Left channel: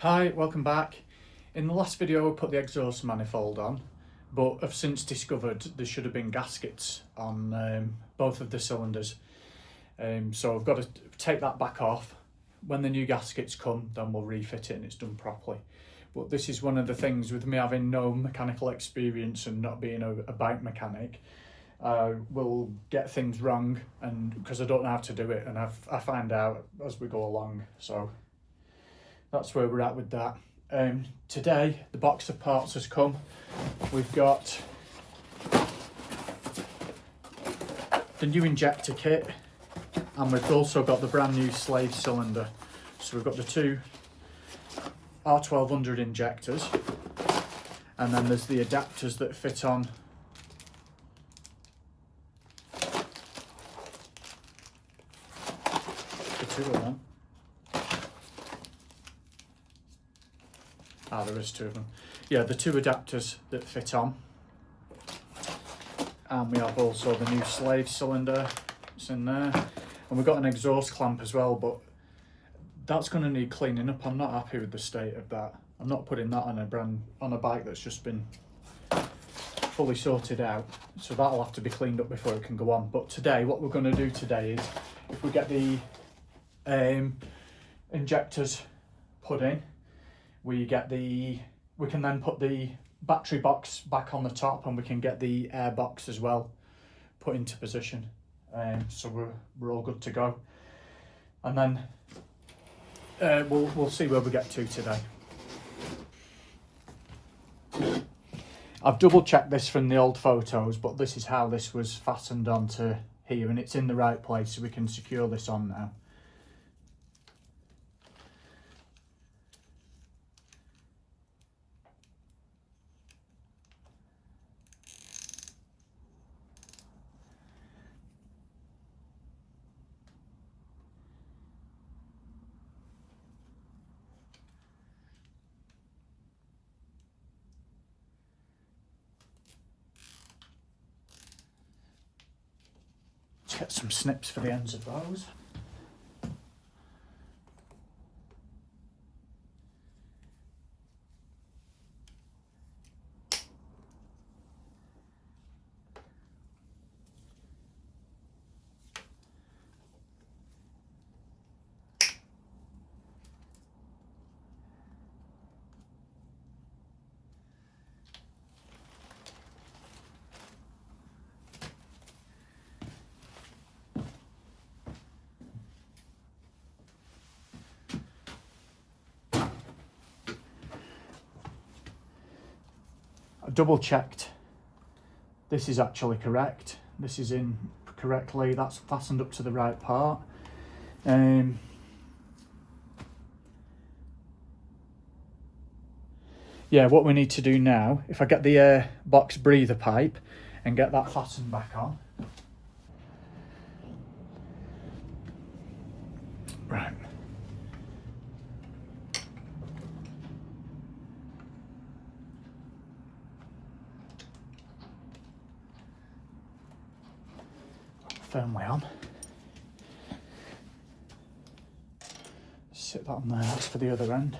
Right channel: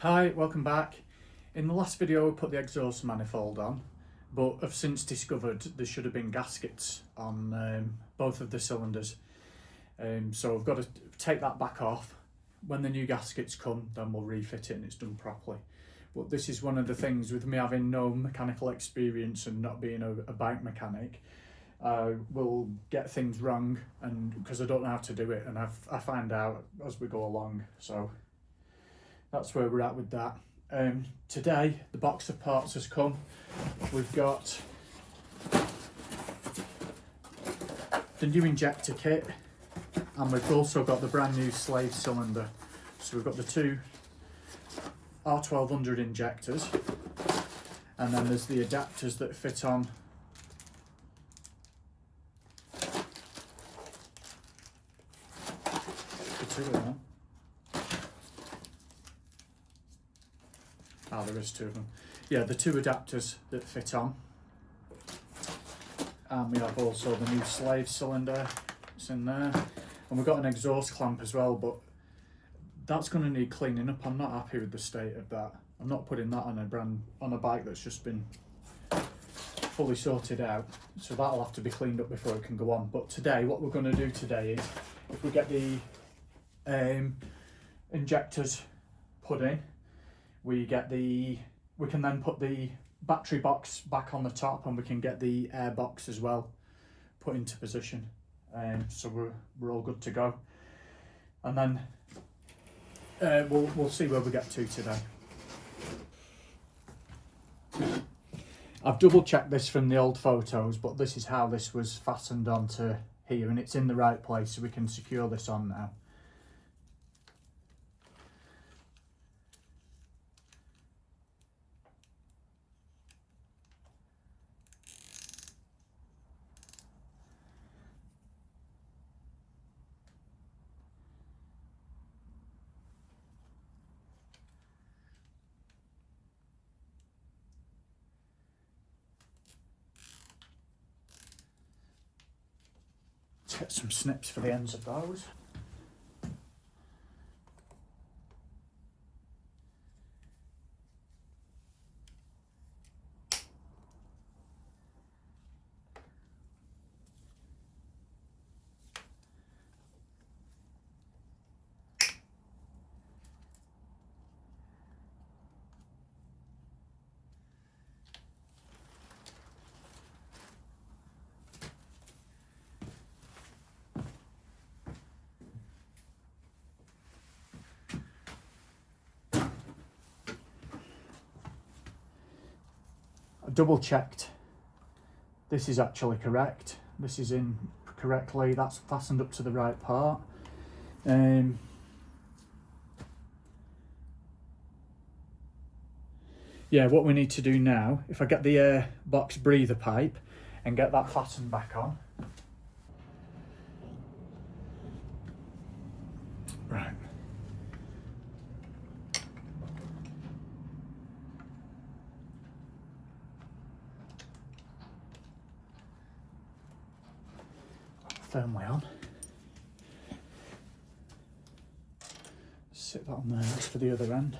Hi, welcome back. In the last video I put the exhaust manifold on, but I've since discovered there should have been gaskets on both of the cylinders. So I've got to take that back off. When the new gaskets come, then we'll refit it and it's done properly. But this is one of the things with me having no mechanical experience and not being a bike mechanic. I will get things wrong, and because I don't know how to do it, and I find out as we go along. So that's where we're at with that. Today the box of parts has come. We've got the new injector kit, and we've also got the brand new slave cylinder. So we've got the two R1200 injectors, and then there's the adapters that fit on the two of them. There is two of them. Yeah, the two adapters that fit on. And we have also the new slave cylinder, it's in there. And we've got an exhaust clamp as well, but that's going to need cleaning up. I'm not happy with the state of that. I'm not putting that on a bike that's just been fully sorted out. So that'll have to be cleaned up before it can go on. But today, what we're going to do today is, if we get the injectors put in, we can then put the battery box back on the top, and we can get the air box as well put into position. So we're all good to go. And then we'll see where we get to today. I've double checked this from the old photos, but this is how this was fastened onto here, and it's in the right place, so we can secure this on now. Let's get some snips for the ends of those. Double checked, this is actually correct. This is in correctly, that's fastened up to the right part. Yeah, what we need to do now, if I get the air box breather pipe and get that fastened back on. Right. Firmly on. Sit that on there, that's for the other end.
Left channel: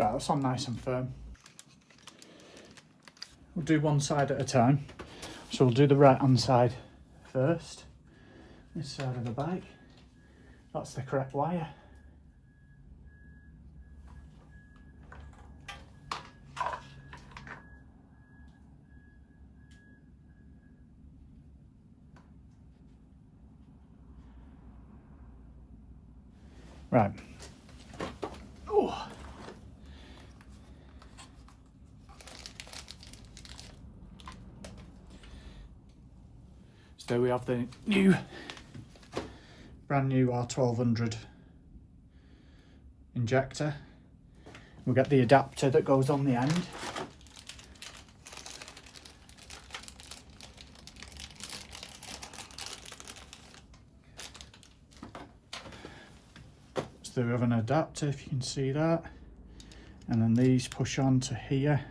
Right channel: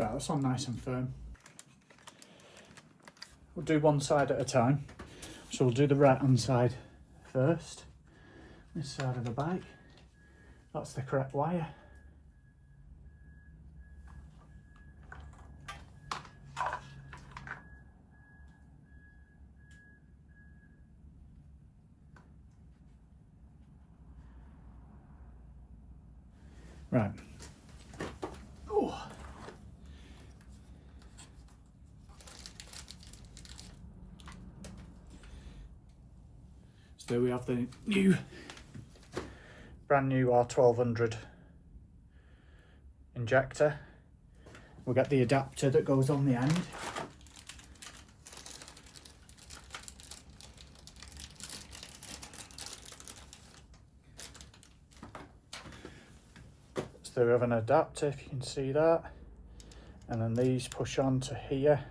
Right, that's on nice and firm. We'll do one side at a time. So we'll do the right hand side first. This side of the bike. That's the correct wire. Right. Oh. So there we have the brand new R1200 injector. We'll get the adapter that goes on the end. So we have an adapter, if you can see that, and then these push on to here.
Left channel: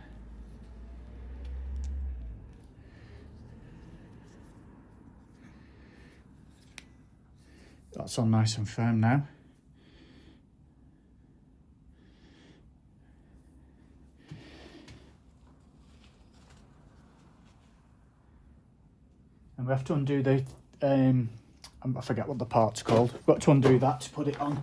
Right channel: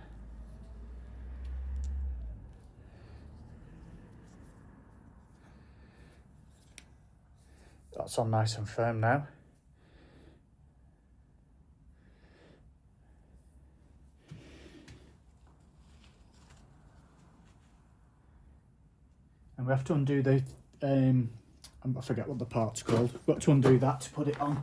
That's on nice and firm now. And we have to undo the, I forget what the part's called. We've got to undo that to put it on.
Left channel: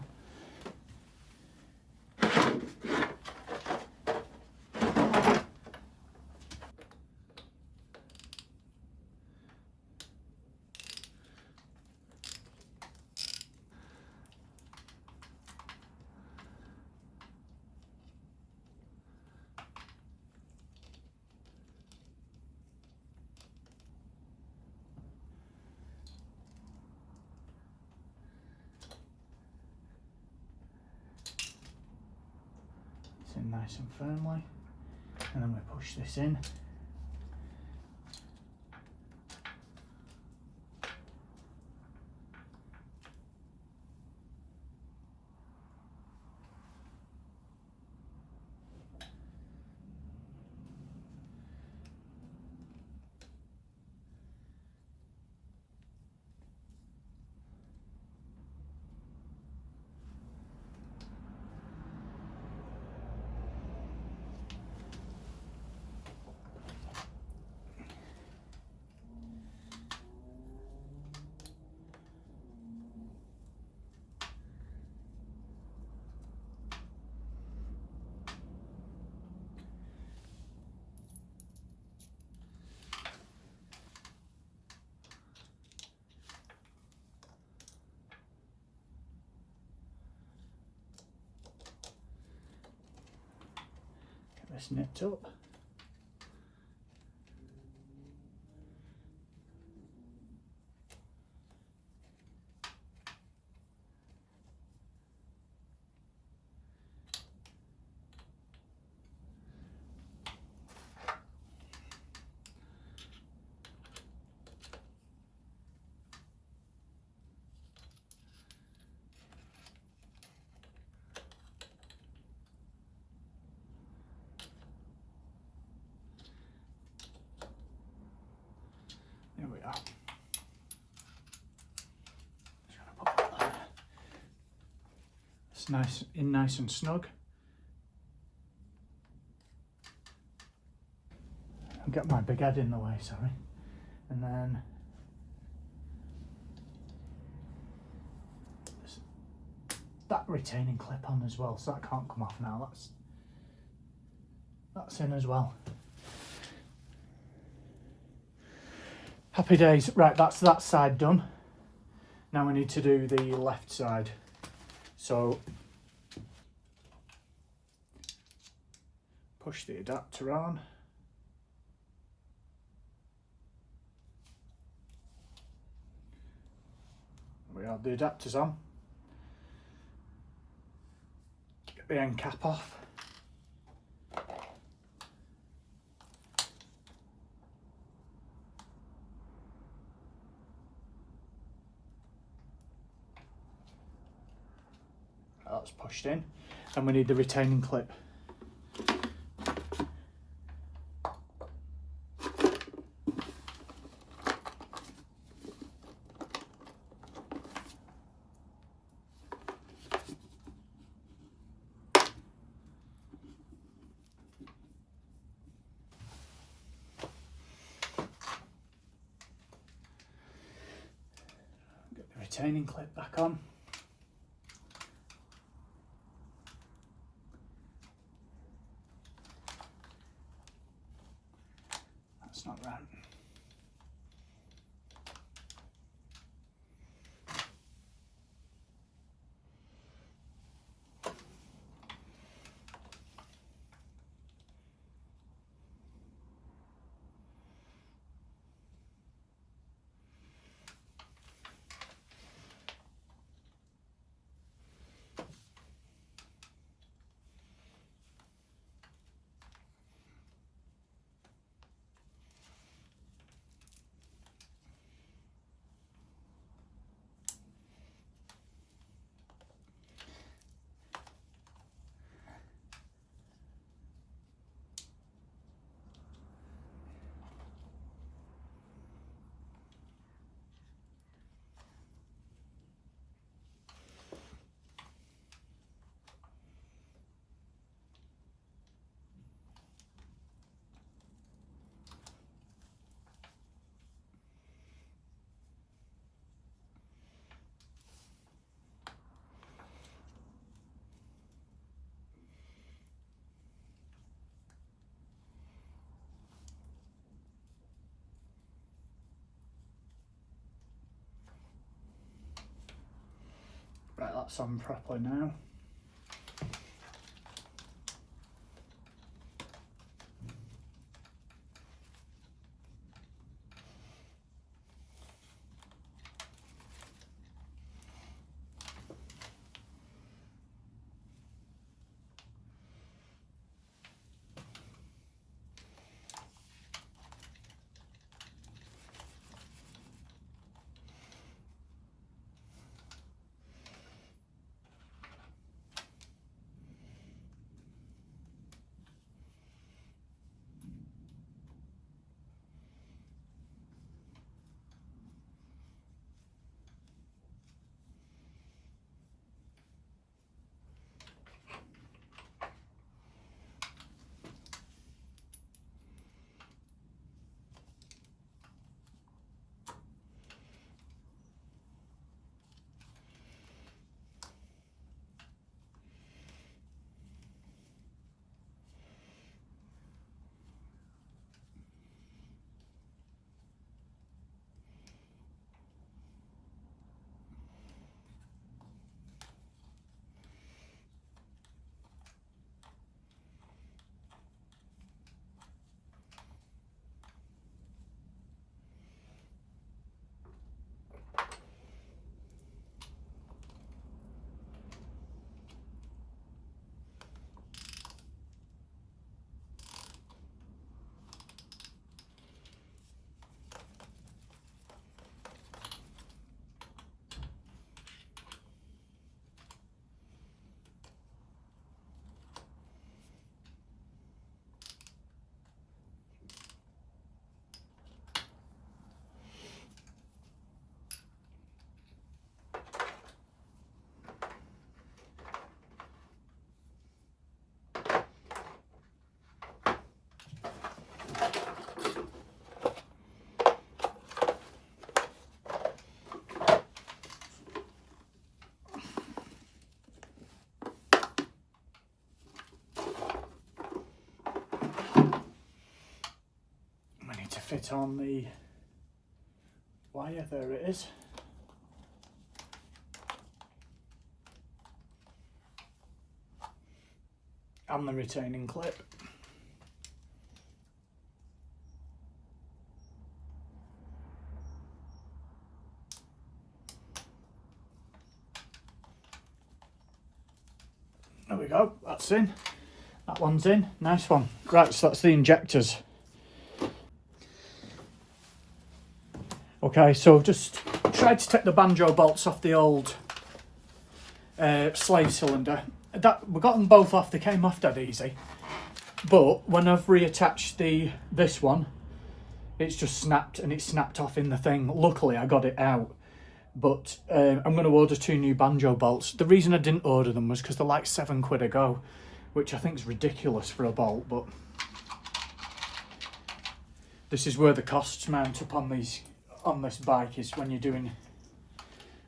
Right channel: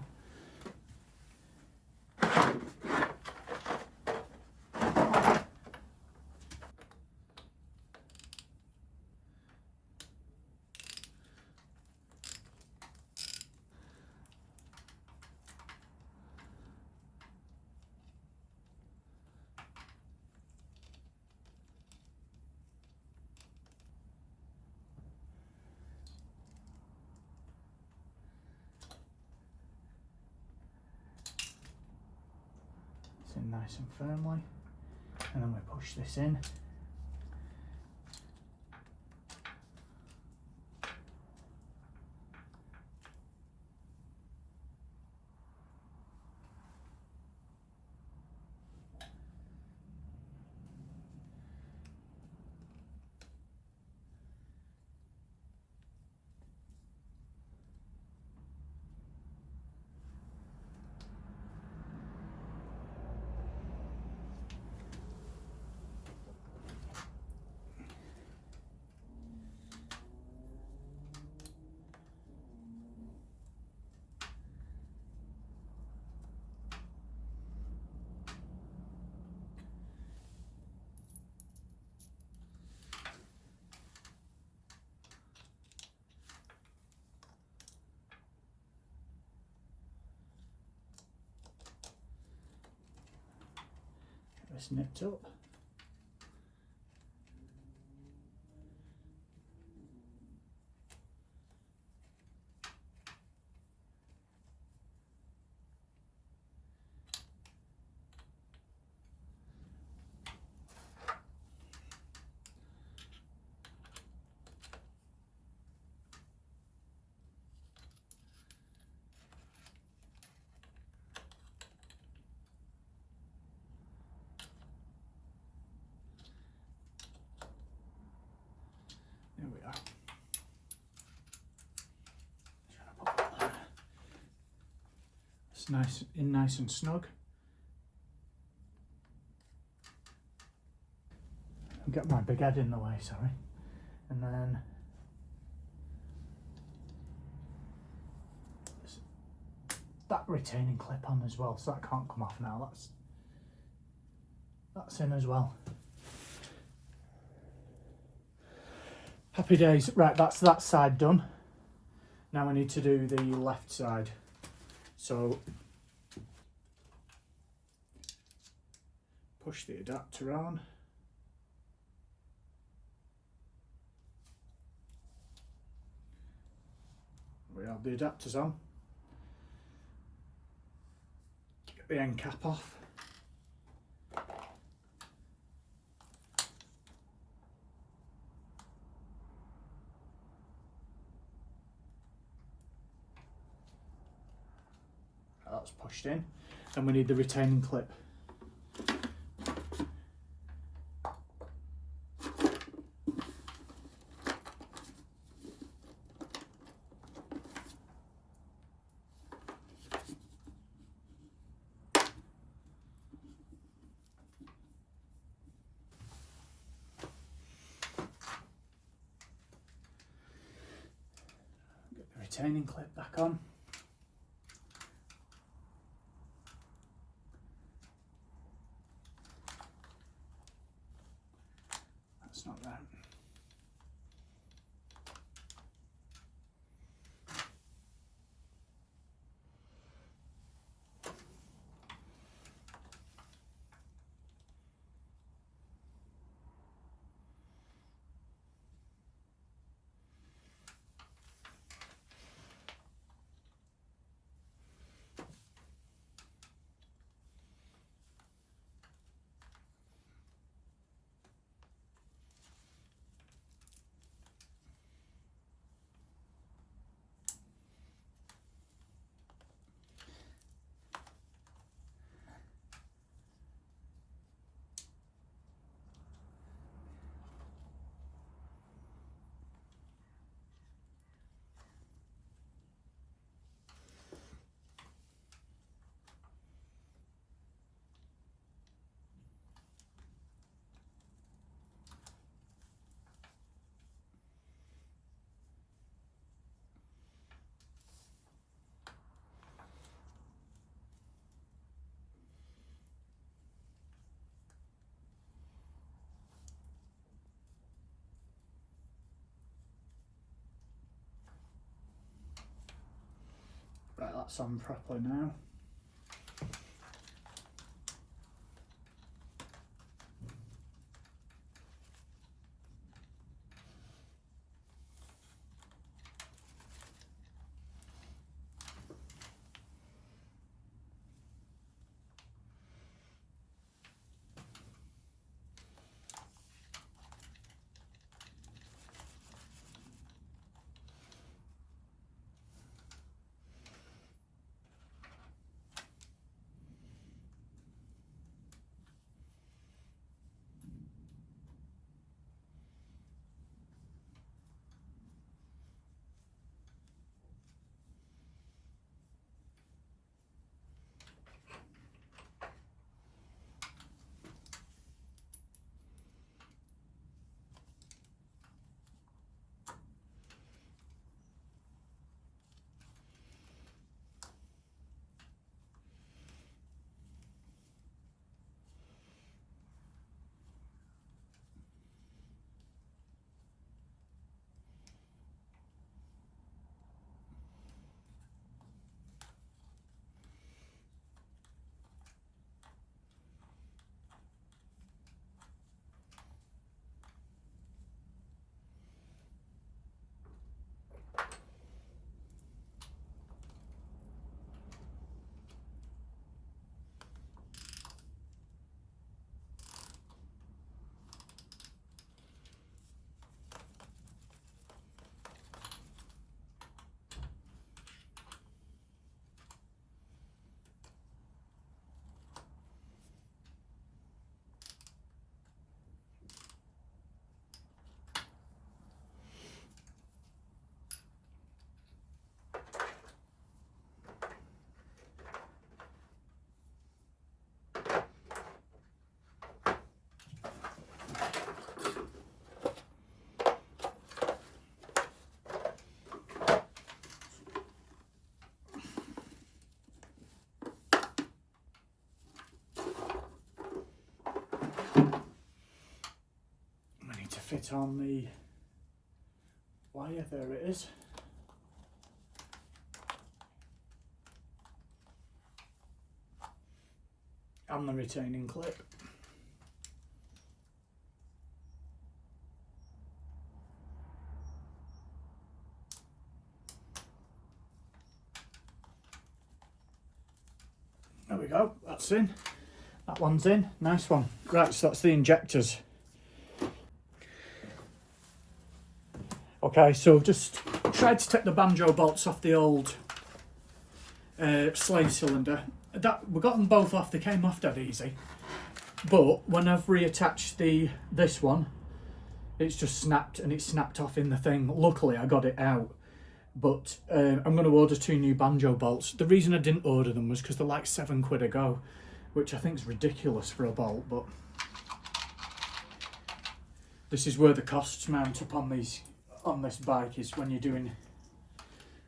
In nice and firmly, and then we push this in. Get this nipped up. There we are. Just gonna pop that there. It's nice and snug. I'll get my big head in the way, sorry. And then that retaining clip on as well, so that can't come off now. That's in as well. Happy days. Right, that's that side done. Now we need to do the left side. So push the adapter on. We have the adapters on. Get the end cap off. That's pushed in. And we need the retaining clip. retaining clip back on. That's not right. Right, that's on properly now. Fit on the wire, there it is. And the retaining clip. There we go, that's in. That one's in, nice one. Right, so that's the injectors. Okay, so I've just tried to take the banjo bolts off the old slave cylinder. We got them both off, they came off dead easy. But when I've reattached this one, it's just snapped and it's snapped off in the thing. Luckily I got it out. But I'm going to order 2 new banjo bolts. The reason I didn't order them was because they're like £7 a go, which I think is ridiculous for a bolt, but this is where the costs mount up on this bike, is when you're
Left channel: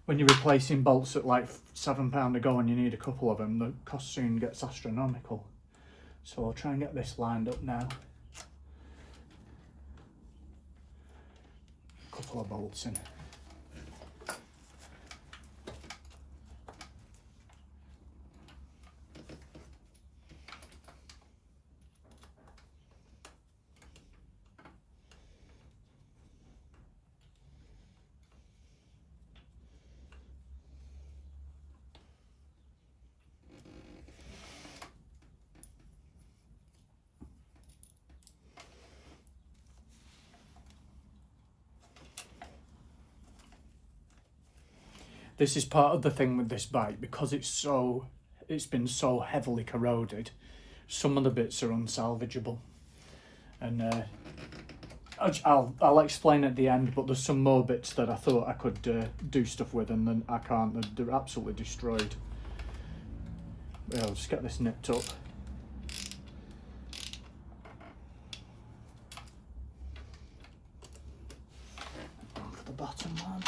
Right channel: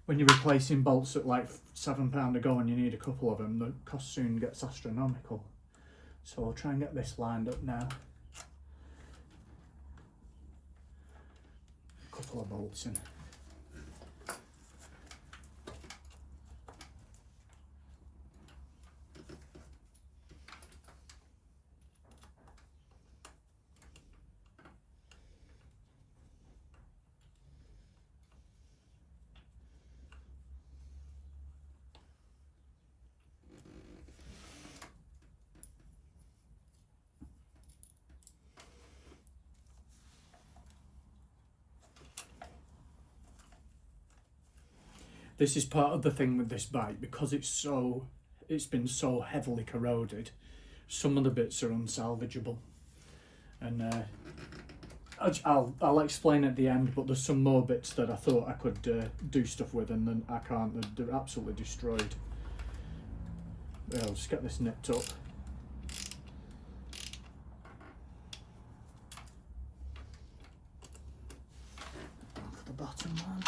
when you're replacing bolts at like £7 a go and you need a couple of them, the cost soon gets astronomical. So I'll try and get this lined up now. A couple of bolts in. This is part of the thing with this bike, because it's been so heavily corroded. Some of the bits are unsalvageable, and I'll explain at the end. But there's some more bits that I thought I could do stuff with, and then I can't. They're absolutely destroyed. Yeah, I'll just get this nipped up. Down for the bottom one.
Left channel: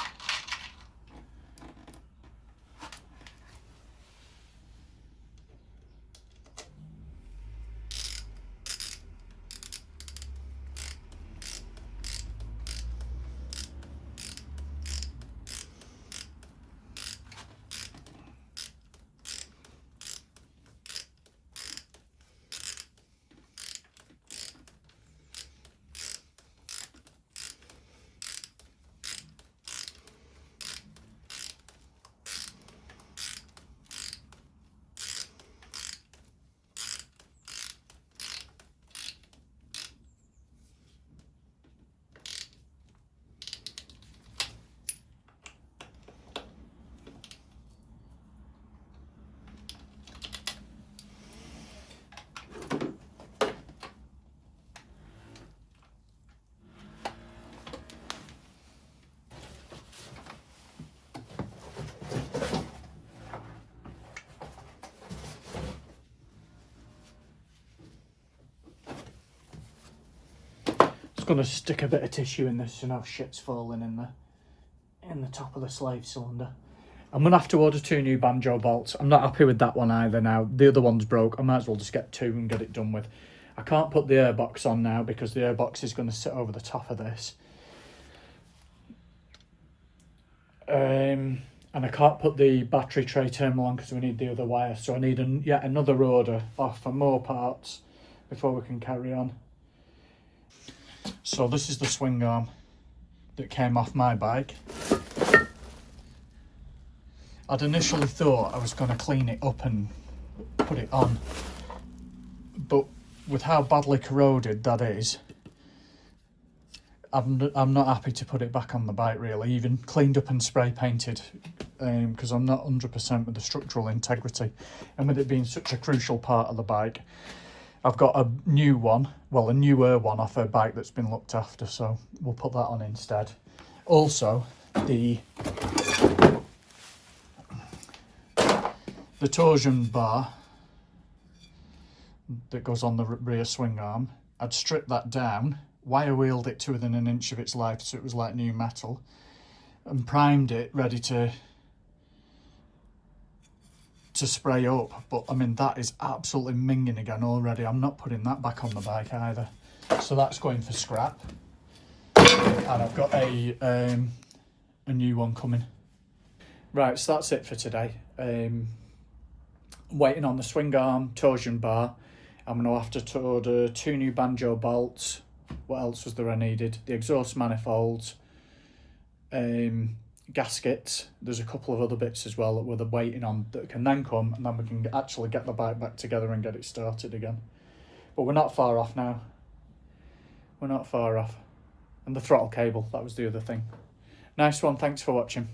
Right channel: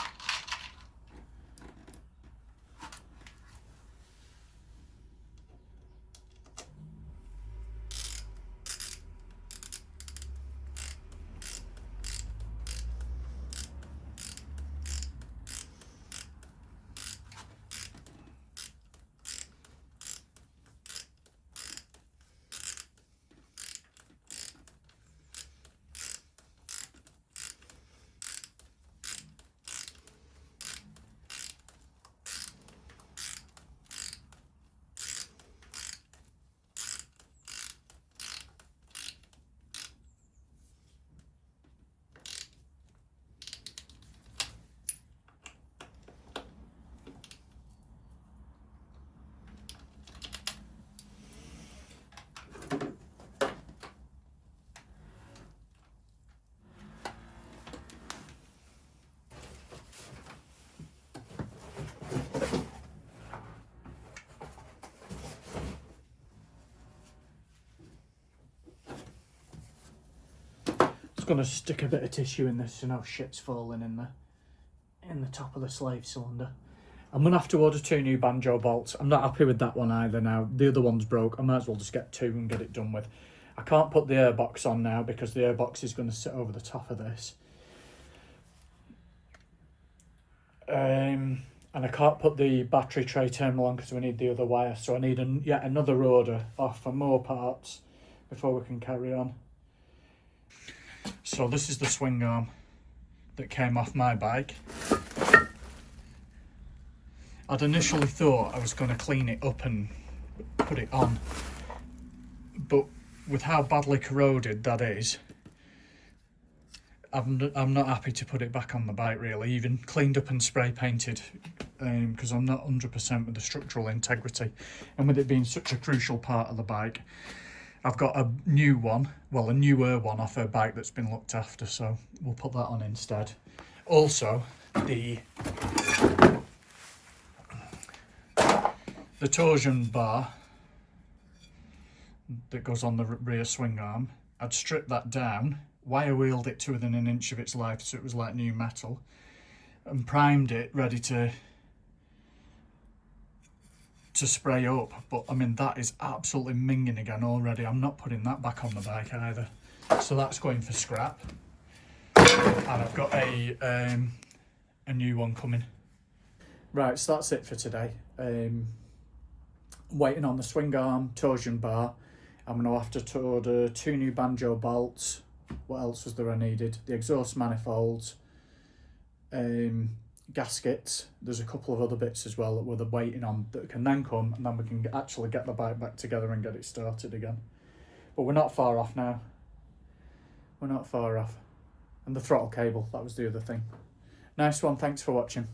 Going to stick a bit of tissue in this so no shit's falling in the top of the slave cylinder. I'm going to have to order 2 new banjo bolts. I'm not happy with that one either now. The other one's broke. I might as well just get 2 and get it done with. I can't put the airbox on now because the airbox is going to sit over the top of this. And I can't put the battery tray terminal on because we need the other wire. So I need yet another order off for more parts before we can carry on. So this is the swing arm that came off my bike. I'd initially thought I was going to clean it up and put it on, but with how badly corroded that is, I'm not happy to put it back on the bike really, even cleaned up and spray painted, because I'm not 100% with the structural integrity, and with it being such a crucial part of the bike. I've got a new one, well a newer one off her bike that's been looked after, so we'll put that on instead. Also, the torsion bar that goes on the rear swing arm, I'd stripped that down, wire wheeled it to within an inch of its life so it was like new metal, and primed it ready to spray up. But I mean, that is absolutely minging again already. I'm not putting that back on the bike either, so that's going for scrap. And I've got a new one coming. Right, so that's it for today. Waiting on the swing arm, torsion bar. I'm going to have to order 2 new banjo bolts. What else was there I needed? The exhaust manifolds, gaskets. There's a couple of other bits as well that we're waiting on that can then come, and then we can actually get the bike back together and get it started again. But we're not far off now. We're not far off. And the throttle cable, that was the other thing. Nice one, thanks for watching.